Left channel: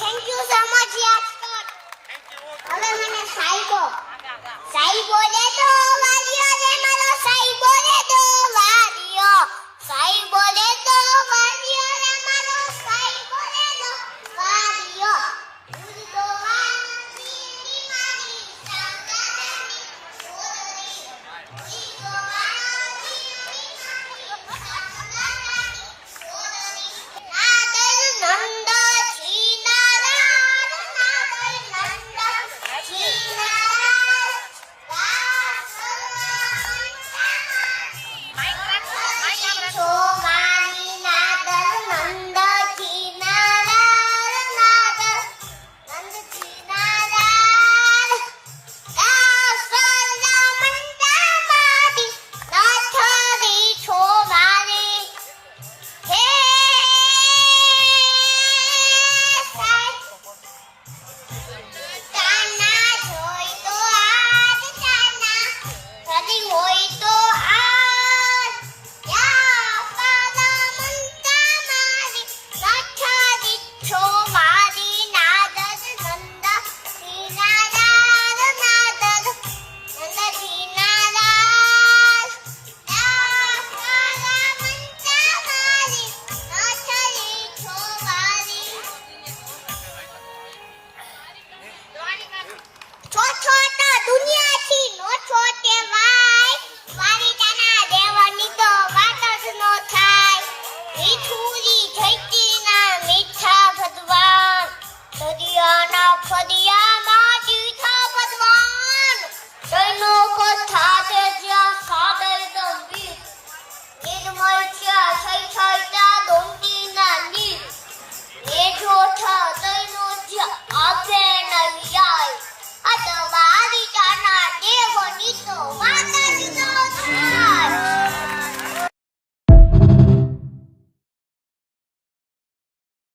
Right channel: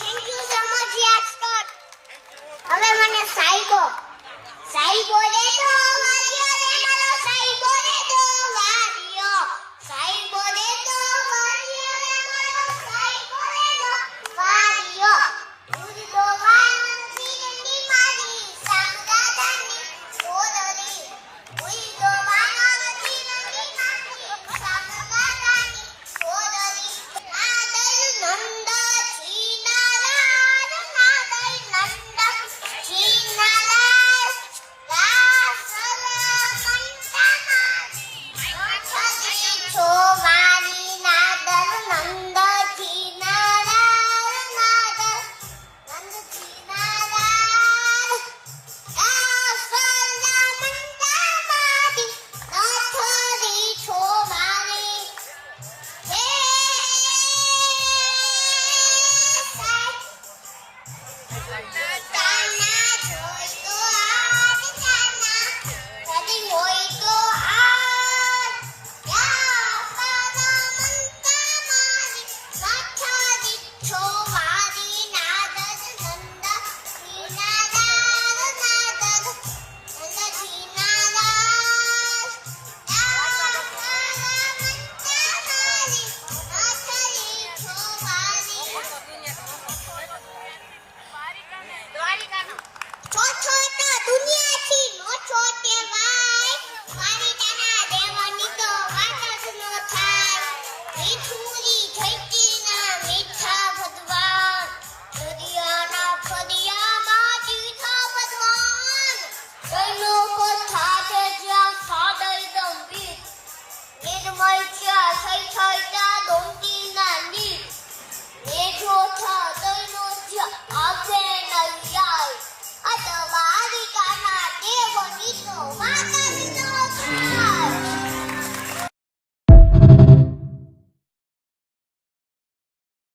Thank you so much યાર sir. હવે મને સાઈબો દે દો વાલીઓ રે મારો સાઈબો દે દો વાલીઓ. સાઈબો દે દો વાલીઓ રે મારો સાઈબો દે દો વાલીઓ. દૂધ દોવાની મારી સાંગાદાની સોદરી. દૂધ દોવાની મારી સાંગાદાની સોદરી. Nadir Nand છીનારાર Nadir Nand છીનારાર રાસલ કંઠમારી છોવારી Nadir Nand છીનારાર Nadir Nand છીનારાર રાસલ મંડામારી નાથરી છોવારી. હે તાના જોઈ તો આગ તાના કદી હોય તો આગ યા પાલા મંતા મારી નાથરી છોવારી નાદર નંદ છીનારાર નાદર નંદ છીનારાર યા પાલા મંતા મારી નાથરી છોવારી. છો છો તો દુનિયાથી નો છો કહેવાય. દ્વારિકાના દેવની તો વાત જ નો થાય. મીઠું